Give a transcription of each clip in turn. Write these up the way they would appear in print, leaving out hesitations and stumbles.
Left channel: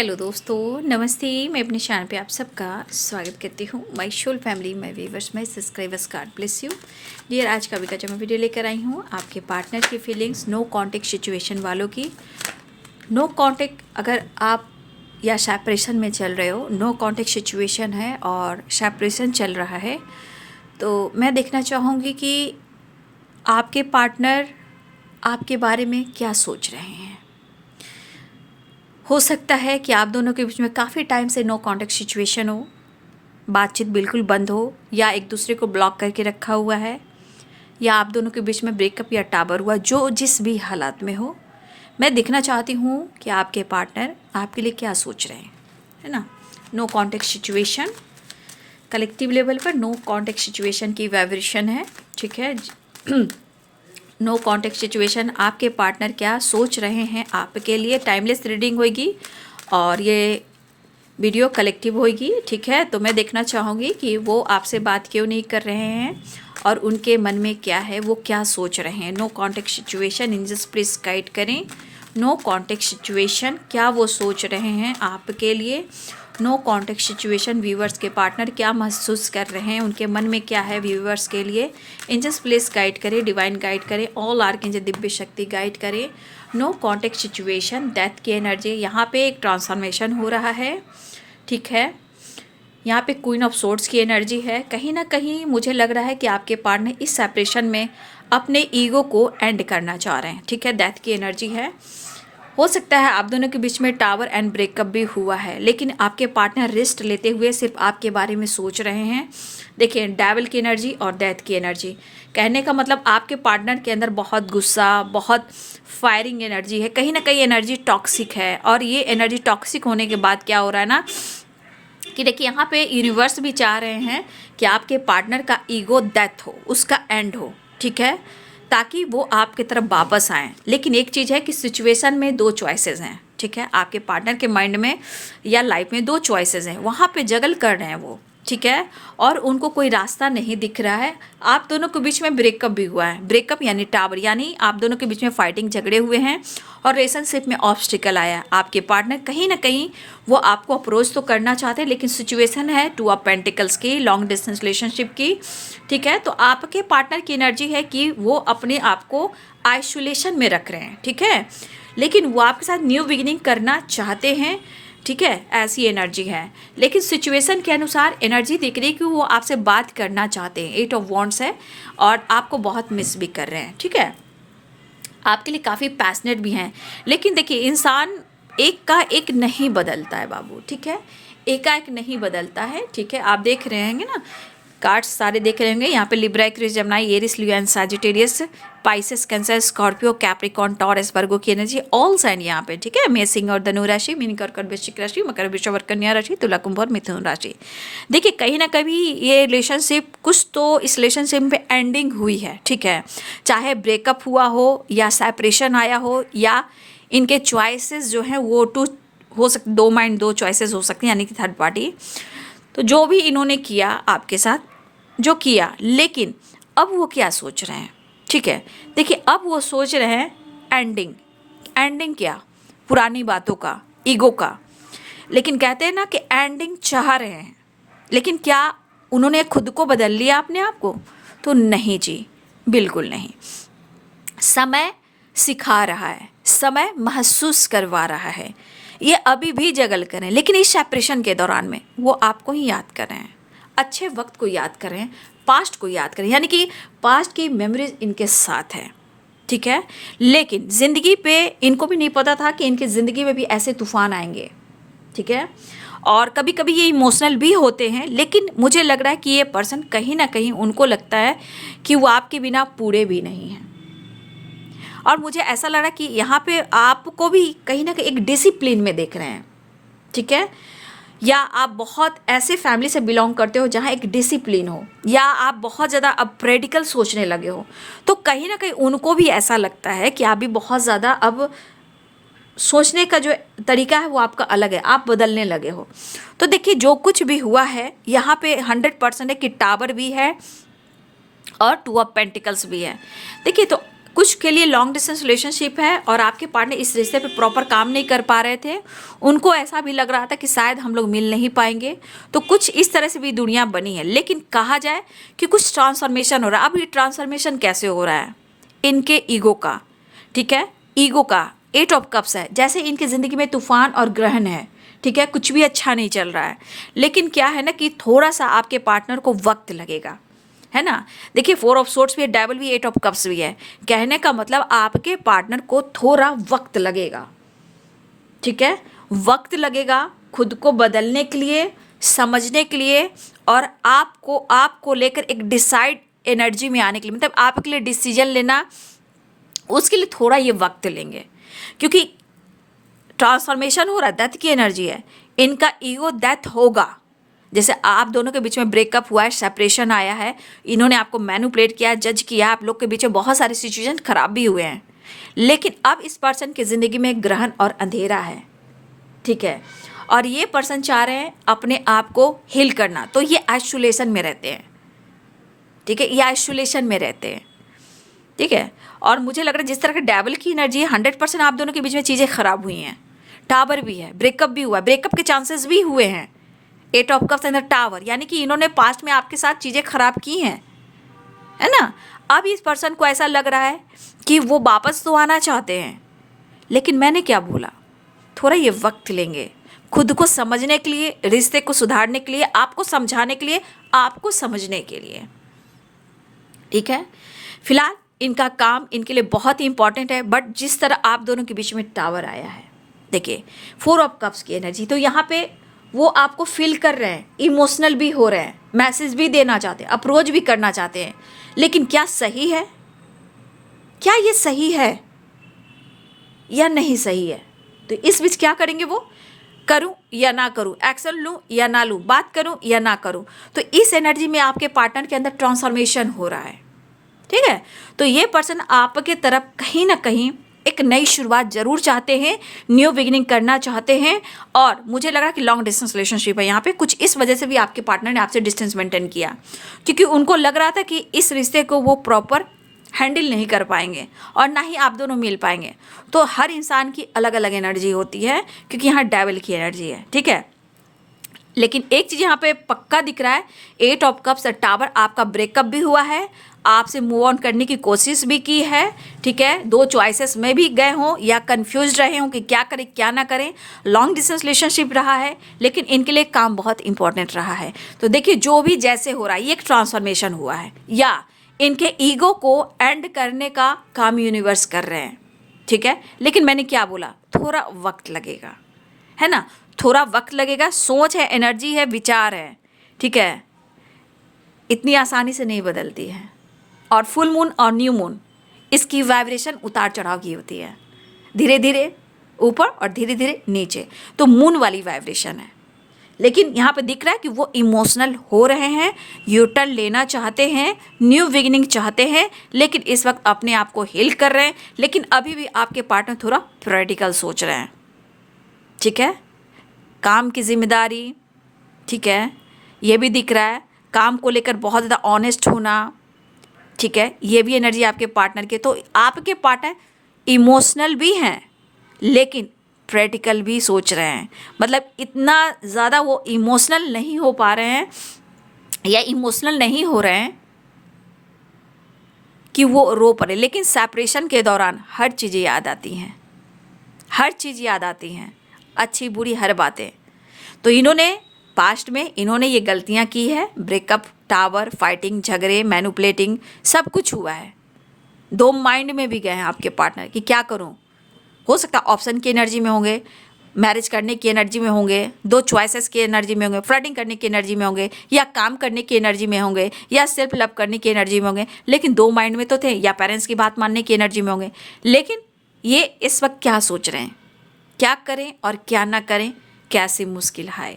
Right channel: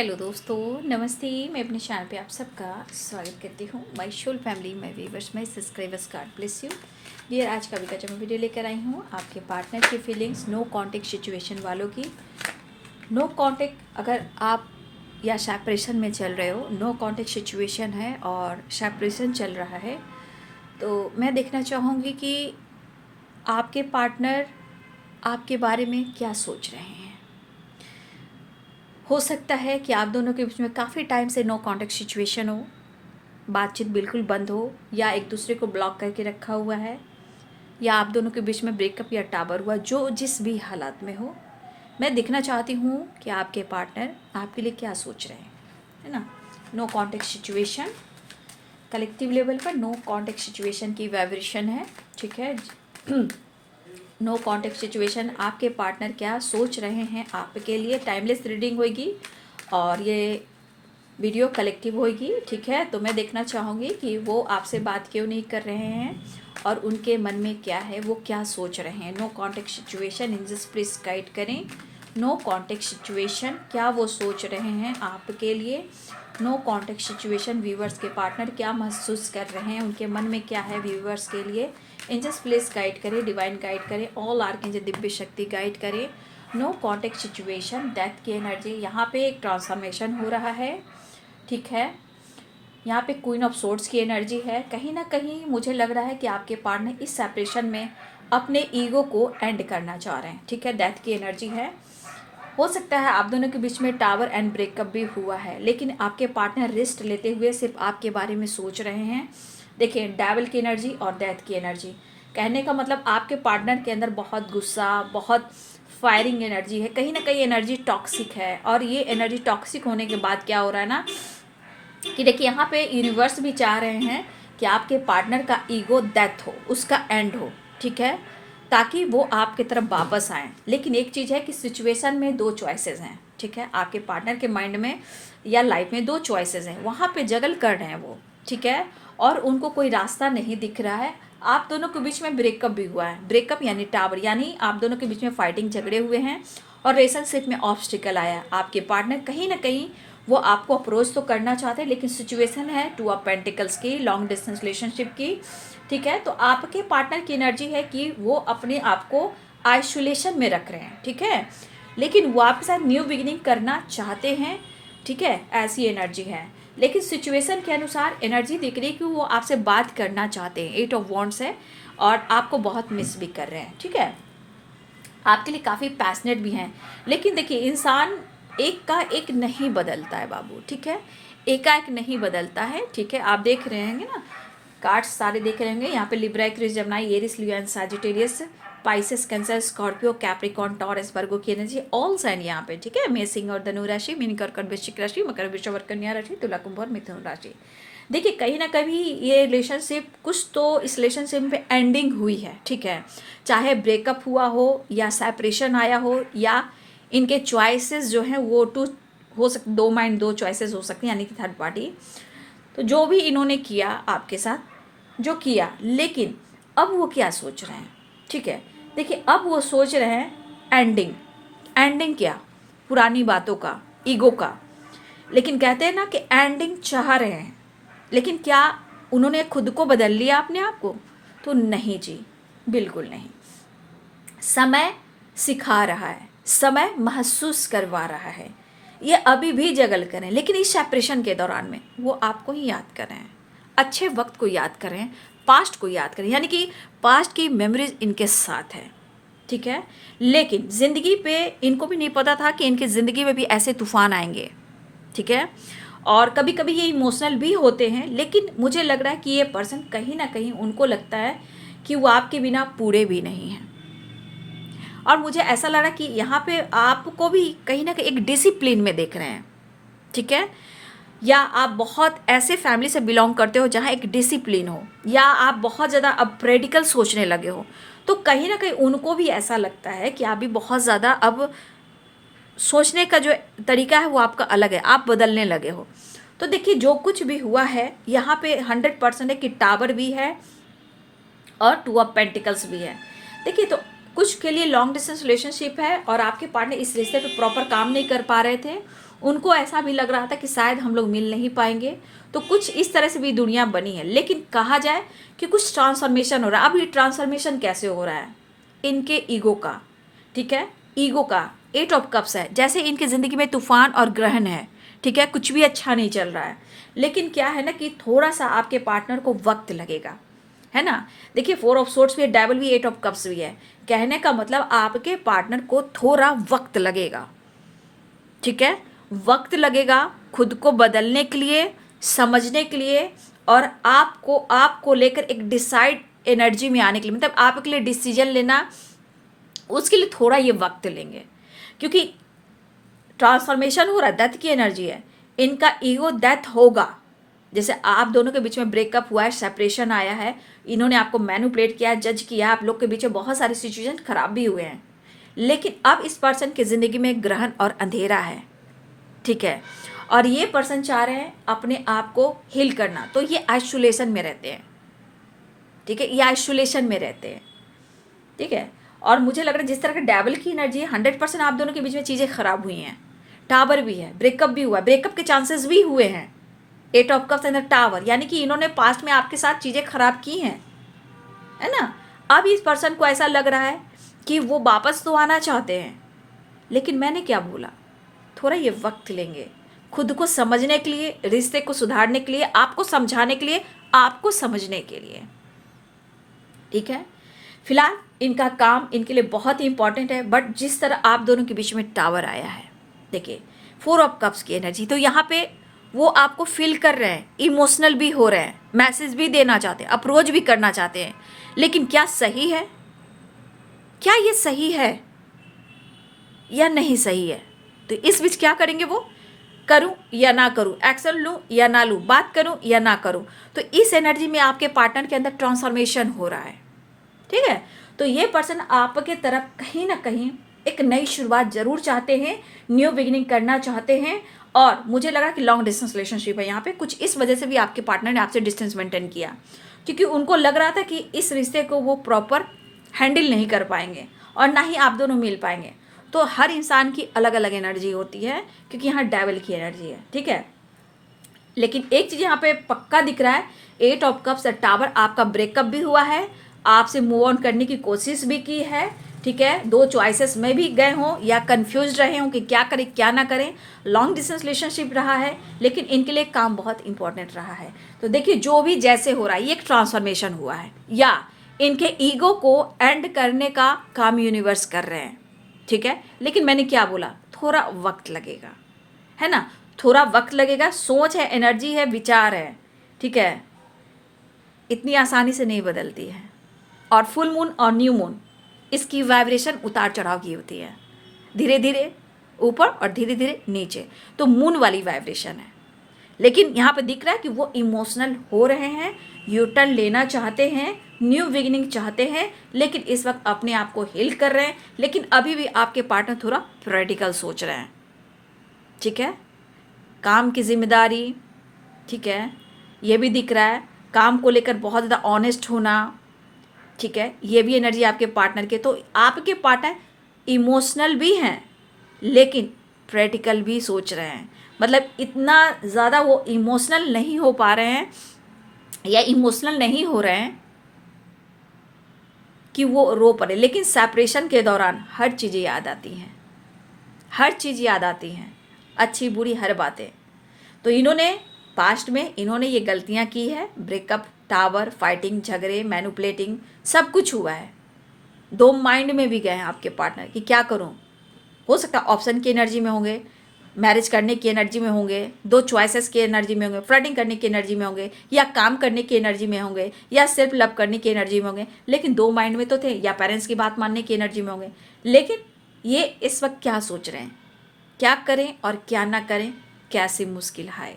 Hello दोस्तों, नमस्ते। मैं अपने चैनल पे आप सबका स्वागत करती हूँ। My whole family, my viewers, my subscribers, God bless you dear. आज का जो मैं वीडियो लेकर आई हूँ आपके पार्टनर की फीलिंग्स, नो कॉन्टेक्ट सिचुएशन वालों की। नो कॉन्टेक्ट अगर आप या सेपरेशन में चल रहे हो, नो कॉन्टेक्ट सिचुएशन है और सेपरेशन चल रहा है, तो मैं देखना चाहूँगी कि आपके पार्टनर आपके बारे में क्या सोच रहे हैं। हो सकता है कि आप दोनों के बीच में काफ़ी टाइम से नो कॉन्टेक्ट सिचुएशन हो, बातचीत बिल्कुल बंद हो, या एक दूसरे को ब्लॉक करके रखा हुआ है, या आप दोनों के बीच में ब्रेकअप या टावर हुआ, जो जिस भी हालात में हो। मैं देखना चाहती हूँ कि आपके पार्टनर आपके लिए क्या सोच रहे हैं, है ना। No contact situation collective level पर नो कॉन्टेक्ट सिचुएशन की वाइब्रेशन है, ठीक है। नो कॉन्टेक्ट सिचुएशन, आपके पार्टनर क्या सोच रहे हैं आपके लिए। टाइमलेस रीडिंग होगी और ये वीडियो कलेक्टिव होगी, ठीक है। तो मैं देखना चाहूँगी कि वो आपसे बात क्यों नहीं कर रहे हैं और उनके मन में क्या है, वो क्या सोच रहे हैं। No contact situation, angels please guide करें। नो कॉन्टेक्ट सिचुएशन, क्या वो सोच रहे हैं आपके लिए। नो कॉन्टेक्ट सिचुएशन, व्यूवर्स के पार्टनर क्या महसूस कर रहे हैं, उनके मन में क्या है व्यूवर्स के लिए। एंजल्स प्लीज गाइड करें, डिवाइन गाइड करें, ऑल आर्कएंजल दिव्य शक्ति गाइड करें। नो कॉन्टेक्ट सिचुएशन, डेथ की एनर्जी, यहाँ पे एक ट्रांसफॉर्मेशन हो रहा है, ठीक है। यहाँ पे क्वीन ऑफ सोर्ड्स की एनर्जी है। कहीं ना कहीं मुझे लग रहा है कि आपके पार्टनर इस सेपरेशन में अपने ईगो को एंड करना चाह रहे हैं, ठीक है। डेथ की एनर्जी है। हो सकता है आप दोनों के बीच में टावर एंड ब्रेकअप भी हुआ है, लेकिन आपके पार्टनर रेस्ट लेते हुए सिर्फ आपके बारे में सोच रहे हैं। देखिए, डेविल की एनर्जी और डेथ की एनर्जी, कहने का मतलब आपके पार्टनर के अंदर बहुत गुस्सा, बहुत फायरिंग एनर्जी है। कहीं ना कहीं एनर्जी टॉक्सिक है, और ये एनर्जी टॉक्सिक होने के बाद क्या हो रहा है ना कि देखिए, यहाँ पे यूनिवर्स भी चाह रहे हैं कि आपके पार्टनर का ईगो डेथ हो, उसका एंड हो, ठीक है, ताकि वो आपकी तरफ वापस आएँ। लेकिन एक चीज़ है कि सिचुएशन में दो चॉइसेस हैं, ठीक है। आपके पार्टनर के माइंड में या लाइफ में दो चॉइसेस हैं, वहाँ पे जगल कर रहे हैं वो, ठीक है। और उनको कोई रास्ता नहीं दिख रहा है। आप दोनों के बीच में ब्रेकअप भी हुआ है। ब्रेकअप यानी टावर, यानी आप दोनों के बीच में फाइटिंग झगड़े हुए हैं और रिलेशनशिप में ऑब्स्टिकल आया। आपके पार्टनर कहीं ना कहीं वो आपको अप्रोच तो करना चाहते हैं, लेकिन सिचुएशन है टू ऑफ पेंटिकल्स की, लॉन्ग डिस्टेंस रिलेशनशिप की, ठीक है। तो आपके पार्टनर की एनर्जी है कि वो अपने आप को आइसोलेशन में रख रहे हैं, ठीक है, लेकिन वो आपके साथ न्यू बिगिनिंग करना चाहते हैं, ठीक है। ऐसी एनर्जी है। लेकिन सिचुएशन के अनुसार एनर्जी दिख रही है कि वो आपसे बात करना चाहते हैं। 8 ऑफ वॉन्ड्स है और आपको बहुत मिस भी कर रहे हैं, ठीक है। आपके लिए काफ़ी पैशनेट भी हैं। लेकिन देखिए, इंसान एक का एक नहीं बदलता है बाबू, ठीक है। एकाएक नहीं बदलता है, ठीक है। आप देख रहे होंगे ना, कार्ड्स सारे देख रहे होंगे। यहाँ पे Libra, Aquarius, Gemini, Aries, Leo and Sagittarius, Pisces, Cancer, Scorpio, Capricorn, Taurus, Virgo की एनर्जी ऑल साइन यहाँ पे, ठीक है। मेष, सिंह और धनु राशि, मीन, कर्कट, वृश्चिक राशि, मकर, वृषभ और कन्या राशि, तुला, कुंभ और मिथुन राशि। देखिए, कहीं ना कहीं ये रिलेशनशिप, कुछ तो इस रिलेशनशिप में एंडिंग हुई है, ठीक है। चाहे ब्रेकअप हुआ हो या सेपरेशन आया हो, या इनके चॉइसेस जो हैं वो टू हो सकते, दो माइंड, दो चॉइसेस हो सकती हैं, यानी कि थर्ड पार्टी। तो जो भी इन्होंने किया आपके साथ, जो किया, लेकिन अब वो क्या सोच रहे हैं, ठीक है। देखिए, अब वो सोच रहे हैं एंडिंग। एंडिंग क्या? पुरानी बातों का, ईगो का। लेकिन कहते हैं ना कि एंडिंग चाह रहे हैं, लेकिन क्या उन्होंने खुद को बदल लिया अपने आप को? तो नहीं जी, बिल्कुल नहीं। समय सिखा रहा है, समय महसूस करवा रहा है। ये अभी भी जगल करें, लेकिन इस सेपरेशन के दौरान में वो आपको ही याद कर रहे हैं, अच्छे वक्त को याद करें, पास्ट को याद करें, यानी कि पास्ट की मेमोरीज इनके साथ है, ठीक है। लेकिन ज़िंदगी पे इनको भी नहीं पता था कि इनकी ज़िंदगी में भी ऐसे तूफान आएंगे, ठीक है। और कभी कभी ये इमोशनल भी होते हैं, लेकिन मुझे लग रहा है कि ये पर्सन कहीं ना कहीं उनको लगता है कि वो आपके बिना पूरे भी नहीं हैं। और मुझे ऐसा लग रहा है कि यहाँ पे आपको भी कहीं ना कहीं एक डिसिप्लिन में देख रहे हैं, ठीक है। या आप बहुत ऐसे फैमिली से बिलोंग करते हो जहाँ एक डिसिप्लिन हो, या आप बहुत ज़्यादा अब प्रैक्टिकल सोचने लगे हो, तो कहीं ना कहीं उनको भी ऐसा लगता है कि आप भी बहुत ज़्यादा अब सोचने का जो तरीका है वो आपका अलग है, आप बदलने लगे हो। तो देखिए, जो कुछ भी हुआ है यहाँ पे 100% है कि टावर भी है और टू ऑफ पेंटिकल्स भी है। देखिए, तो कुछ के लिए लॉन्ग डिस्टेंस रिलेशनशिप है और आपके पार्टनर इस रिश्ते पे प्रॉपर काम नहीं कर पा रहे थे, उनको ऐसा भी लग रहा था कि शायद हम लोग मिल नहीं पाएंगे, तो कुछ इस तरह से भी दुनिया बनी है। लेकिन कहा जाए कि कुछ ट्रांसफॉर्मेशन हो रहा है। अब ये ट्रांसफॉर्मेशन कैसे हो रहा है? इनके ईगो का, ठीक है, ईगो का 8 ऑफ कप्स है। जैसे इनकी ज़िंदगी में तूफान और ग्रहण है, ठीक है, कुछ भी अच्छा नहीं चल रहा है, लेकिन क्या है ना कि थोड़ा सा आपके पार्टनर को वक्त लगेगा, है ना। देखिए 4 ऑफ सोर्ड्स भी है, डेविल भी, 8 ऑफ कप्स भी है। कहने का मतलब आपके पार्टनर को थोड़ा वक्त लगेगा, ठीक है, वक्त लगेगा खुद को बदलने के लिए, समझने के लिए, और आपको लेकर एक डिसाइड एनर्जी में आने के लिए, मतलब आपके लिए डिसीजन लेना, उसके लिए थोड़ा ये वक्त लेंगे, क्योंकि ट्रांसफॉर्मेशन हो रहा है, डेथ की एनर्जी है। इनका ईगो डेथ होगा। जैसे आप दोनों के बीच में ब्रेकअप हुआ है, सेपरेशन आया है, इन्होंने आपको मैनिपुलेट किया, जज किया, आप लोग के बीच में बहुत सारे सिचुएशन खराब भी हुए हैं, लेकिन अब इस पर्सन की ज़िंदगी में ग्रहण और अंधेरा है, ठीक है, और ये पर्सन चाह रहे हैं अपने आप को हील करना, तो ये आइसोलेशन में रहते हैं, ठीक है, ये आइसोलेशन में रहते हैं, ठीक है। और मुझे लग रहा है जिस तरह का डेविल की एनर्जी है, 100% आप दोनों के बीच में चीज़ें खराब हुई हैं। टावर भी है, ब्रेकअप भी हुआ है, ब्रेकअप के चांसेस भी हुए हैं। 8 of cups and the tower, यानी कि इन्होंने पास्ट में आपके साथ चीज़ें खराब की हैं, है ना। अब इस पर्सन को ऐसा लग रहा है कि वो वापस तो आना चाहते हैं, लेकिन मैंने क्या बोला, थोड़ा ये वक्त लेंगे खुद को समझने के लिए, रिश्ते को सुधारने के लिए, आपको समझाने के लिए, आपको समझने के लिए, ठीक है। फिलहाल इनका काम इनके लिए बहुत ही इंपॉर्टेंट है, बट जिस तरह आप दोनों के बीच में टावर आया है, देखिए 4 ऑफ कप्स की एनर्जी, तो यहाँ पे वो आपको फील कर रहे हैं, इमोशनल भी हो रहे हैं, मैसेज भी देना चाहते हैं, अप्रोच भी करना चाहते हैं, लेकिन क्या सही है? क्या ये सही है या नहीं सही है? तो इस बीच क्या करेंगे वो, करूं या ना करूं, एक्शन लूं या ना लूं, बात करूं या ना करूं। तो इस एनर्जी में आपके पार्टनर के अंदर ट्रांसफॉर्मेशन हो रहा है, ठीक है। तो ये पर्सन आपके तरफ कहीं ना कहीं एक नई शुरुआत जरूर चाहते हैं, न्यू बिगिनिंग करना चाहते हैं, और मुझे लग रहा है कि लॉन्ग डिस्टेंस रिलेशनशिप है यहाँ पे, कुछ इस वजह से भी आपके पार्टनर ने आपसे डिस्टेंस मेंटेन किया, क्योंकि उनको लग रहा था कि इस रिश्ते को वो प्रॉपर हैंडल नहीं कर पाएंगे और ना ही आप दोनों मिल पाएंगे। तो हर इंसान की अलग अलग एनर्जी होती है, क्योंकि यहाँ डेविल की एनर्जी है, ठीक है। लेकिन एक चीज़ यहाँ पे पक्का दिख रहा है, 8 ऑफ कप्स टावर, आपका ब्रेकअप भी हुआ है, आपसे मूव ऑन करने की कोशिश भी की है, ठीक है, 2 चॉइसेस में भी गए हों या कंफ्यूज रहे हों कि क्या करें क्या ना करें, लॉन्ग डिस्टेंस रिलेशनशिप रहा है, लेकिन इनके लिए काम बहुत इंपॉर्टेंट रहा है। तो देखिए जो भी जैसे हो रहा है, ये एक ट्रांसफॉर्मेशन हुआ है, या इनके ईगो को एंड करने का काम यूनिवर्स कर रहे हैं, ठीक है। लेकिन मैंने क्या बोला, थोड़ा वक्त लगेगा, है ना, थोड़ा वक्त लगेगा। सोच है, एनर्जी है, विचार है, ठीक है, इतनी आसानी से नहीं बदलती है। और फुल मून और न्यू मून, इसकी वाइब्रेशन उतार चढ़ाव की होती है, धीरे धीरे ऊपर और धीरे धीरे नीचे, तो मून वाली वाइब्रेशन है। लेकिन यहाँ पे दिख रहा है कि वो इमोशनल हो रहे हैं, यू टर्न लेना चाहते हैं, न्यू बिगिनिंग चाहते हैं, लेकिन इस वक्त अपने आप को हील कर रहे हैं। लेकिन अभी भी आपके पार्टनर थोड़ा प्रैक्टिकल सोच रहे हैं, ठीक है, काम की जिम्मेदारी, ठीक है, ये भी दिख रहा है, काम को लेकर बहुत ज़्यादा ऑनेस्ट होना, ठीक है, ये भी एनर्जी आपके पार्टनर के। तो आपके पार्टनर इमोशनल भी हैं, लेकिन प्रैक्टिकल भी सोच रहे हैं, मतलब इतना ज़्यादा वो इमोशनल नहीं हो पा रहे हैं या इमोशनल नहीं हो रहे हैं कि वो रो पड़े, लेकिन सेपरेशन के दौरान हर चीज़ें याद आती हैं, हर चीज़ याद आती हैं, अच्छी बुरी हर बातें। तो इन्होंने पास्ट में इन्होंने ये गलतियां की है, ब्रेकअप, टावर, फाइटिंग, झगड़े, मैनिपुलेटिंग, सब कुछ हुआ है। 2 माइंड में भी गए हैं आपके पार्टनर कि क्या करूं, हो सकता है ऑप्शन की एनर्जी में होंगे, मैरिज करने की एनर्जी में होंगे, 2 चॉइसेस की एनर्जी में होंगे, फ्लर्टिंग करने की एनर्जी में होंगे, या काम करने की एनर्जी में होंगे, या सेल्फ लव करने की एनर्जी में होंगे, लेकिन 2 माइंड में तो थे, या पेरेंट्स की बात मानने की एनर्जी में होंगे। लेकिन ये इस वक्त क्या सोच रहे हैं, क्या करें और क्या ना करें, कैसी मुश्किल है,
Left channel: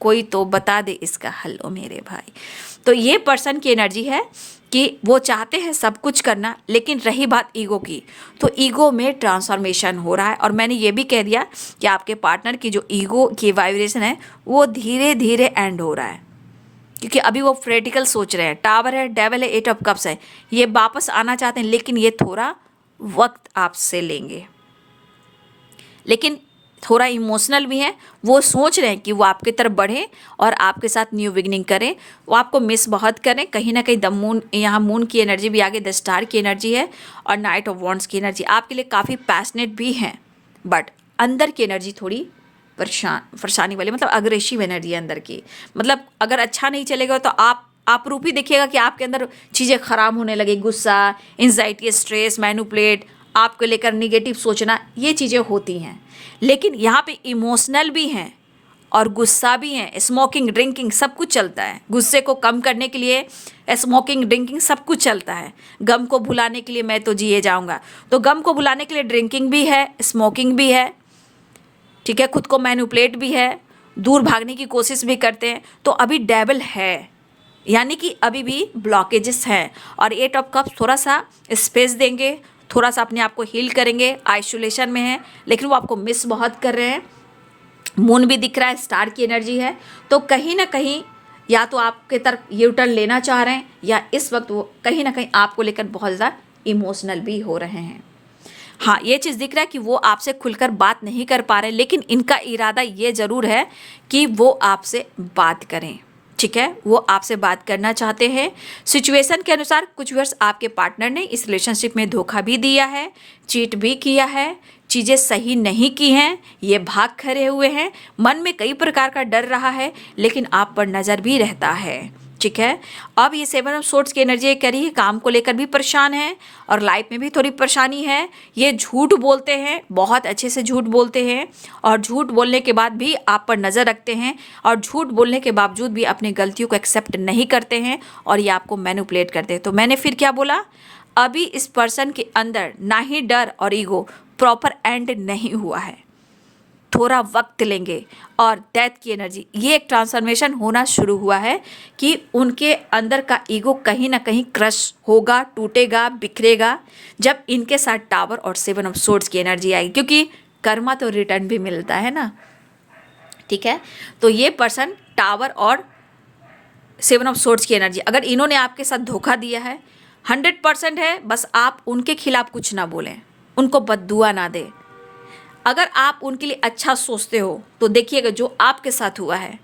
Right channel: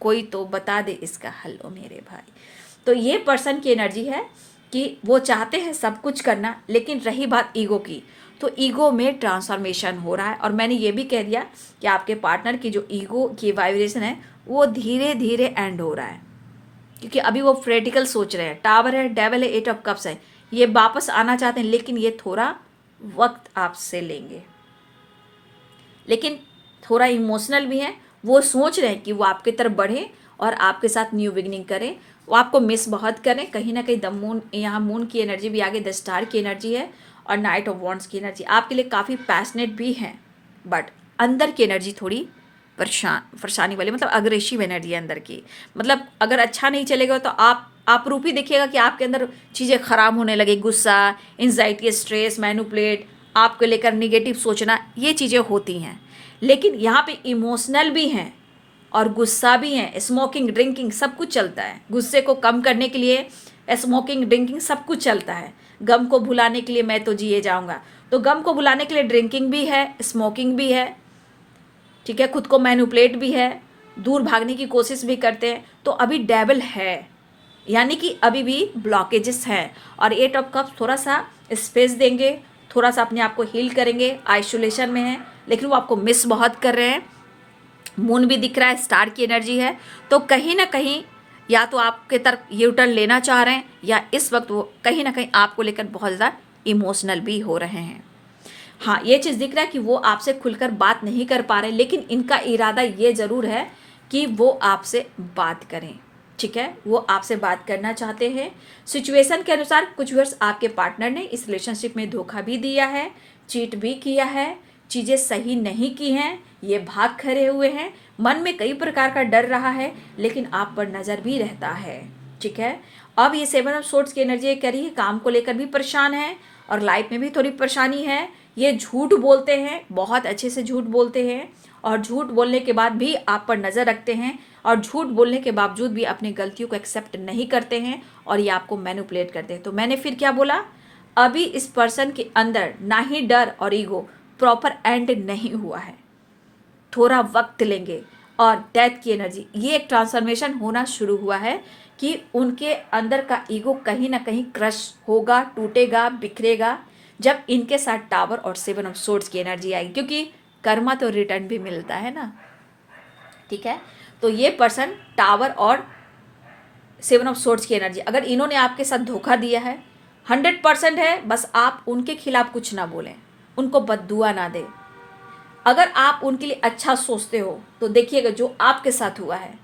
कोई तो बता दे इसका हल ओ मेरे भाई। तो ये पर्सन की एनर्जी है कि वो चाहते हैं सब कुछ करना, लेकिन रही बात ईगो की, तो ईगो में ट्रांसफॉर्मेशन हो रहा है। और मैंने ये भी कह दिया कि आपके पार्टनर की जो ईगो की वाइब्रेशन है वो धीरे धीरे एंड हो रहा है, क्योंकि अभी वो प्रैक्टिकल सोच रहे हैं। टावर है, डेविल है, 8 ऑफ कप्स है, ये वापस आना चाहते हैं, लेकिन ये थोड़ा वक्त आपसे लेंगे, लेकिन थोड़ा इमोशनल भी हैं। वो सोच रहे हैं कि वो आपकी तरफ बढ़े और आपके साथ न्यू बिगनिंग करें। वो आपको मिस बहुत करें। कहीं ना कहीं द मून, यहाँ मून की एनर्जी भी आगे, द स्टार की एनर्जी है और नाइट ऑफ वॉन्ड्स की एनर्जी आपके लिए काफ़ी पैशनेट भी हैं, बट अंदर की एनर्जी थोड़ी परेशानी वाली, मतलब अग्रेसिव एनर्जी है अंदर की। मतलब अगर अच्छा नहीं चलेगा तो आप रूप ही देखिएगा कि आपके अंदर चीज़ें खराब होने लगे, गुस्सा, एंजाइटी, स्ट्रेस, मैनिपुलेट, आपको लेकर निगेटिव सोचना, ये चीज़ें होती हैं। लेकिन यहाँ पे इमोशनल भी हैं और गुस्सा भी है, स्मोकिंग, ड्रिंकिंग सब कुछ चलता है। गुस्से को कम करने के लिए स्मोकिंग, ड्रिंकिंग सब कुछ चलता है। गम को भुलाने के लिए मैं तो जिए जाऊंगा, तो गम को भुलाने के लिए ड्रिंकिंग भी है, स्मोकिंग भी है, ठीक है, खुद को मैनिपुलेट भी है, दूर भागने की कोशिश भी करते हैं। तो अभी डेविल है, यानी कि अभी भी ब्लॉकेजेस हैं। और 8 ऑफ कप्स थोड़ा सा स्पेस देंगे, थोड़ा सा अपने आप को हील करेंगे, आइसोलेशन में है, लेकिन वो आपको मिस बहुत कर रहे हैं। मून भी दिख रहा है, स्टार की एनर्जी है, तो कहीं ना कहीं या तो आपके तरफ यू टर्न लेना चाह रहे हैं, या इस वक्त वो कहीं ना कहीं आपको लेकर बहुत ज़्यादा इमोशनल भी हो रहे हैं। हाँ, ये चीज़ दिख रहा है कि वो आपसे खुलकर बात नहीं कर पा रहे, लेकिन इनका इरादा ये ज़रूर है कि वो आपसे बात करें, ठीक है, वो आपसे बात करना चाहते हैं। सिचुएशन के अनुसार कुछ वर्ष आपके पार्टनर ने इस रिलेशनशिप में धोखा भी दिया है, चीट भी किया है, चीज़ें सही नहीं की हैं, ये भाग खड़े हुए हैं, मन में कई प्रकार का डर रहा है, लेकिन आप पर नज़र भी रहता है, ठीक है। अब ये 7 ऑफ सोर्ड्स की एनर्जी कह रही है काम को लेकर भी परेशान है और लाइफ में भी थोड़ी परेशानी है। ये झूठ बोलते हैं, बहुत अच्छे से झूठ बोलते हैं, और झूठ बोलने के बाद भी आप पर नज़र रखते हैं, और झूठ बोलने के बावजूद भी अपनी गलतियों को एक्सेप्ट नहीं करते हैं, और ये आपको मैनिपुलेट करते हैं। तो मैंने फिर क्या बोला, अभी इस पर्सन के अंदर ना ही डर और ईगो प्रॉपर एंड नहीं हुआ है, थोड़ा वक्त लेंगे। और डेथ की एनर्जी, ये एक ट्रांसफॉर्मेशन होना शुरू हुआ है कि उनके अंदर का ईगो कहीं ना कहीं क्रश होगा, टूटेगा, बिखरेगा, जब इनके साथ टावर और 7 ऑफ सोर्ड्स की एनर्जी आएगी, क्योंकि कर्मा तो रिटर्न भी मिलता है ना, ठीक है। तो ये पर्सन टावर और 7 ऑफ सोर्ड्स की एनर्जी, अगर इन्होंने आपके साथ धोखा दिया है, 100% है, बस आप उनके खिलाफ कुछ ना बोलें, उनको बद्दुआ ना दें। अगर आप उनके लिए अच्छा सोचते हो तो देखिएगा जो आपके साथ हुआ है,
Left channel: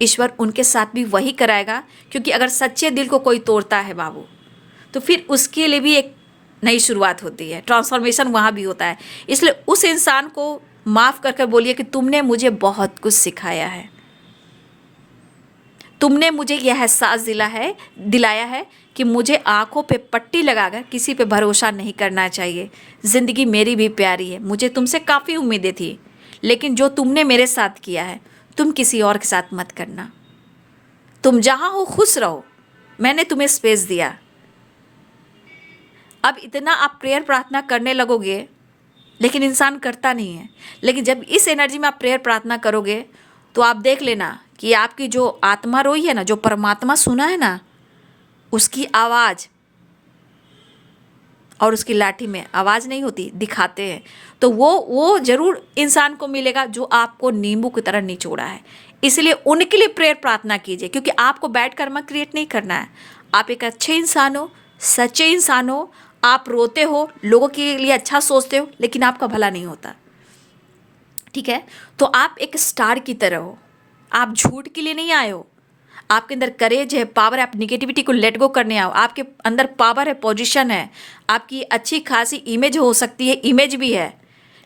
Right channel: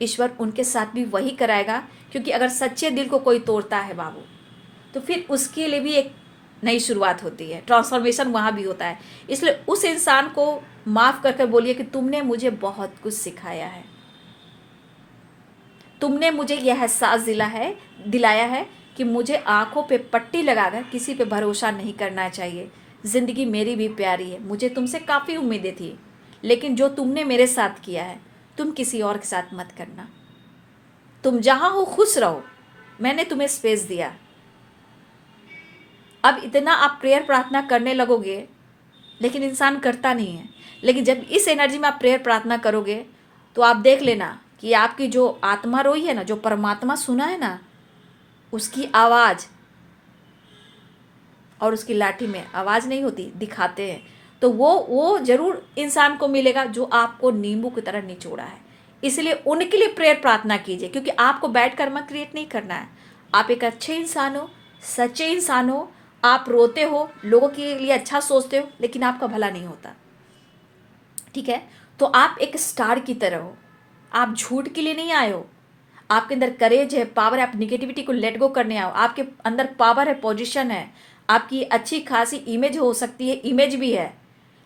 ईश्वर उनके साथ भी वही कराएगा। क्योंकि अगर सच्चे दिल को कोई तोड़ता है बाबू, तो फिर उसके लिए भी एक नई शुरुआत होती है, ट्रांसफॉर्मेशन वहाँ भी होता है। इसलिए उस इंसान को माफ़ करके बोलिए कि तुमने मुझे बहुत कुछ सिखाया है, तुमने मुझे यह एहसास दिलाया है कि मुझे आंखों पे पट्टी लगाकर किसी पे भरोसा नहीं करना चाहिए। ज़िंदगी मेरी भी प्यारी है, मुझे तुमसे काफ़ी उम्मीदें थी, लेकिन जो तुमने मेरे साथ किया है तुम किसी और के साथ मत करना। तुम जहाँ हो खुश रहो, मैंने तुम्हें स्पेस दिया। अब इतना आप प्रेयर प्रार्थना करने लगोगे, लेकिन इंसान करता नहीं है। लेकिन जब इस एनर्जी में आप प्रेयर प्रार्थना करोगे तो आप देख लेना कि आपकी जो आत्मा रोई है ना, जो परमात्मा सुना है ना, उसकी आवाज़ और उसकी लाठी में आवाज़ नहीं होती, दिखाते हैं, तो वो ज़रूर इंसान को मिलेगा जो आपको नींबू की तरह निचोड़ा है। इसलिए उनके लिए प्रेयर प्रार्थना कीजिए, क्योंकि आपको बैड कर्मा क्रिएट नहीं करना है। आप एक अच्छे इंसान हो, सच्चे इंसान हो, आप रोते हो, लोगों के लिए अच्छा सोचते हो, लेकिन आपका भला नहीं होता, ठीक है। तो आप एक स्टार की तरह हो, आप झूठ के लिए नहीं आए हो, आपके अंदर करेज है, पावर है, आप निगेटिविटी को लेट गो करने आओ, आपके अंदर पावर है, पोजीशन है, आपकी अच्छी खासी इमेज हो सकती है, इमेज भी है।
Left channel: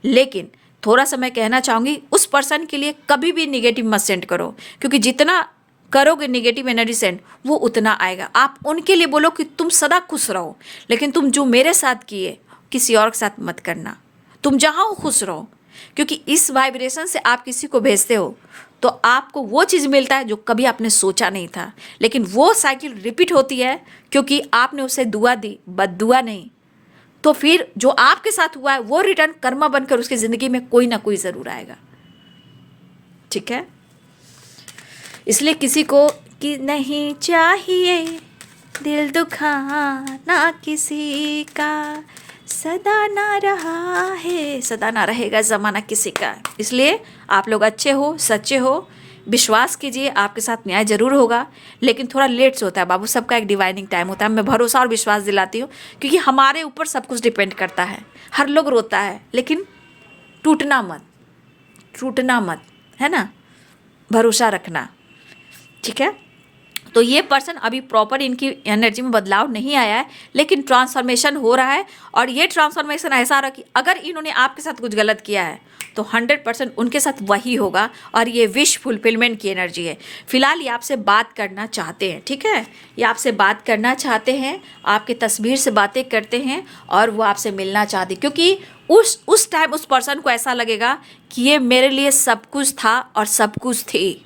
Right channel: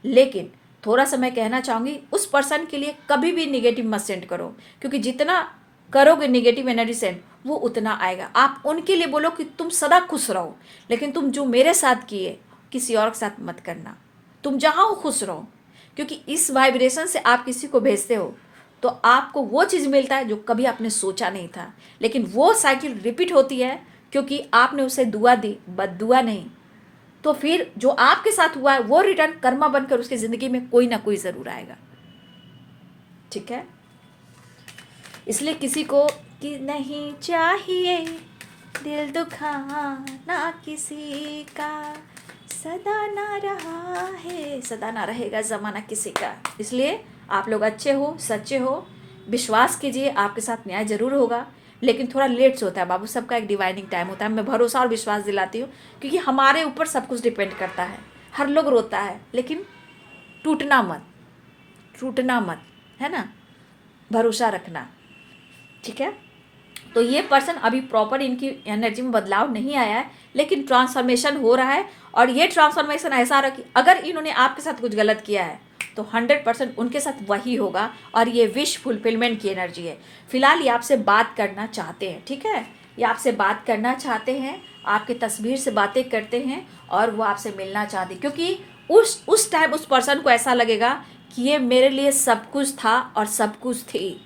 लेकिन थोड़ा सा मैं कहना चाहूँगी, उस पर्सन के लिए कभी भी निगेटिव मत सेंड करो, क्योंकि जितना करोगे निगेटिव एनर्जी सेंड, वो उतना आएगा। आप उनके लिए बोलो कि तुम सदा खुश रहो, लेकिन तुम जो मेरे साथ किए किसी और के साथ मत करना, तुम जहाँ हो खुश रहो। क्योंकि इस वाइब्रेशन से आप किसी को भेजते हो तो आपको वो चीज़ मिलता है जो कभी आपने सोचा नहीं था, लेकिन वो साइकिल रिपीट होती है क्योंकि आपने उसे दुआ दी, बद्दुआ नहीं। तो फिर जो आपके साथ हुआ है वो रिटर्न कर्मा बनकर उसकी ज़िंदगी में कोई ना कोई ज़रूर आएगा, ठीक है। इसलिए किसी को कि नहीं चाहिए दिल दुखाना किसी का, सदा ना रहा है, सदा ना रहेगा ज़माना किसी का। इसलिए आप लोग अच्छे हो, सच्चे हो, विश्वास कीजिए आपके साथ न्याय जरूर होगा, लेकिन थोड़ा लेट से होता है बाबू, सबका एक डिवाइनिंग टाइम होता है। मैं भरोसा और विश्वास दिलाती हूँ, क्योंकि हमारे ऊपर सब कुछ डिपेंड करता है। हर लोग रोता है, लेकिन टूटना मत, टूटना मत, है ना, भरोसा रखना, ठीक है। तो ये पर्सन अभी प्रॉपर इनकी एनर्जी में बदलाव नहीं आया है, लेकिन ट्रांसफॉर्मेशन हो रहा है। और ये ट्रांसफॉर्मेशन ऐसा रहा कि अगर इन्होंने आपके साथ कुछ गलत किया है तो 100% उनके साथ वही होगा, और ये विश फुलफिलमेंट की एनर्जी है। फिलहाल ये आपसे बात करना चाहते हैं, ठीक है, ये आपसे बात करना चाहते हैं, आपके तस्वीर से बातें करते हैं, और वो आपसे मिलना चाहते हैं, क्योंकि उस टाइम उस पर्सन को ऐसा लगेगा कि ये मेरे लिए सब कुछ था और सब कुछ थी,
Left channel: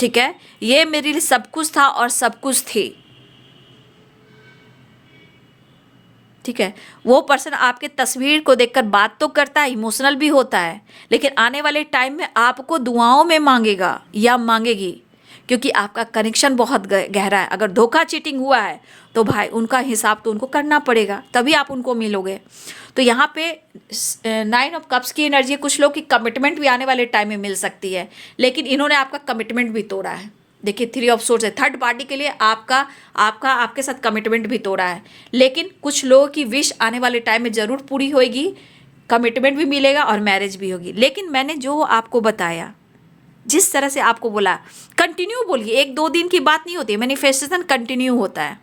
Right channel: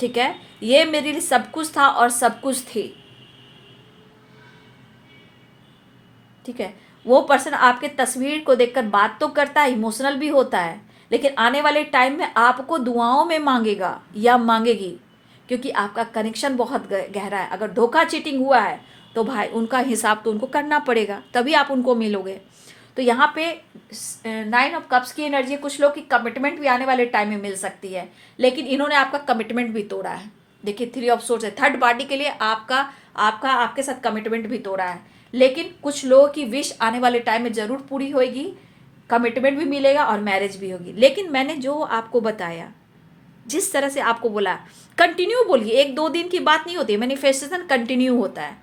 ठीक है, ये मेरे लिए सब कुछ था और सब कुछ थी, ठीक है। वो पर्सन आपके तस्वीर को देखकर बात तो करता है, इमोशनल भी होता है, लेकिन आने वाले टाइम में आपको दुआओं में मांगेगा या मांगेगी, क्योंकि आपका कनेक्शन बहुत गहरा है। अगर धोखा चीटिंग हुआ है तो भाई उनका हिसाब तो उनको करना पड़ेगा, तभी आप उनको मिलोगे। तो यहाँ पे 9 ऑफ कप्स की एनर्जी, कुछ लोग की कमिटमेंट भी आने वाले टाइम में मिल सकती है, लेकिन इन्होंने आपका कमिटमेंट भी तोड़ा है। देखिए 3 ऑफ सोर्स है, थर्ड पार्टी के लिए आपके साथ कमिटमेंट भी तोड़ा है, लेकिन कुछ लोगों की विश आने वाले टाइम में ज़रूर पूरी होगी, कमिटमेंट भी मिलेगा और मैरिज भी होगी। लेकिन मैंने जो आपको बताया, जिस तरह से आपको बोला, कंटिन्यू बोलिए, 1-2 दिन की बात नहीं होती, मैनिफेस्टेशन कंटिन्यू होता है।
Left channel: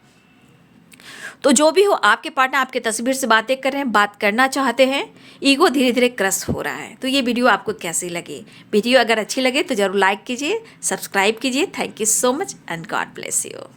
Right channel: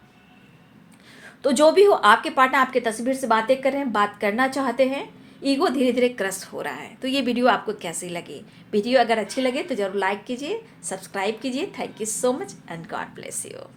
तो जो भी हो, आपके पार्टनर आपके तस्वीर से बातें कर रहे हैं, बात करना चाहते हैं, ईगो धीरे धीरे क्रश हो रहा है। तो ये वीडियो आपको कैसी लगी? वीडियो अगर अच्छी लगे तो जरूर लाइक कीजिए, सब्सक्राइब कीजिए। Thank you so much and God bless you.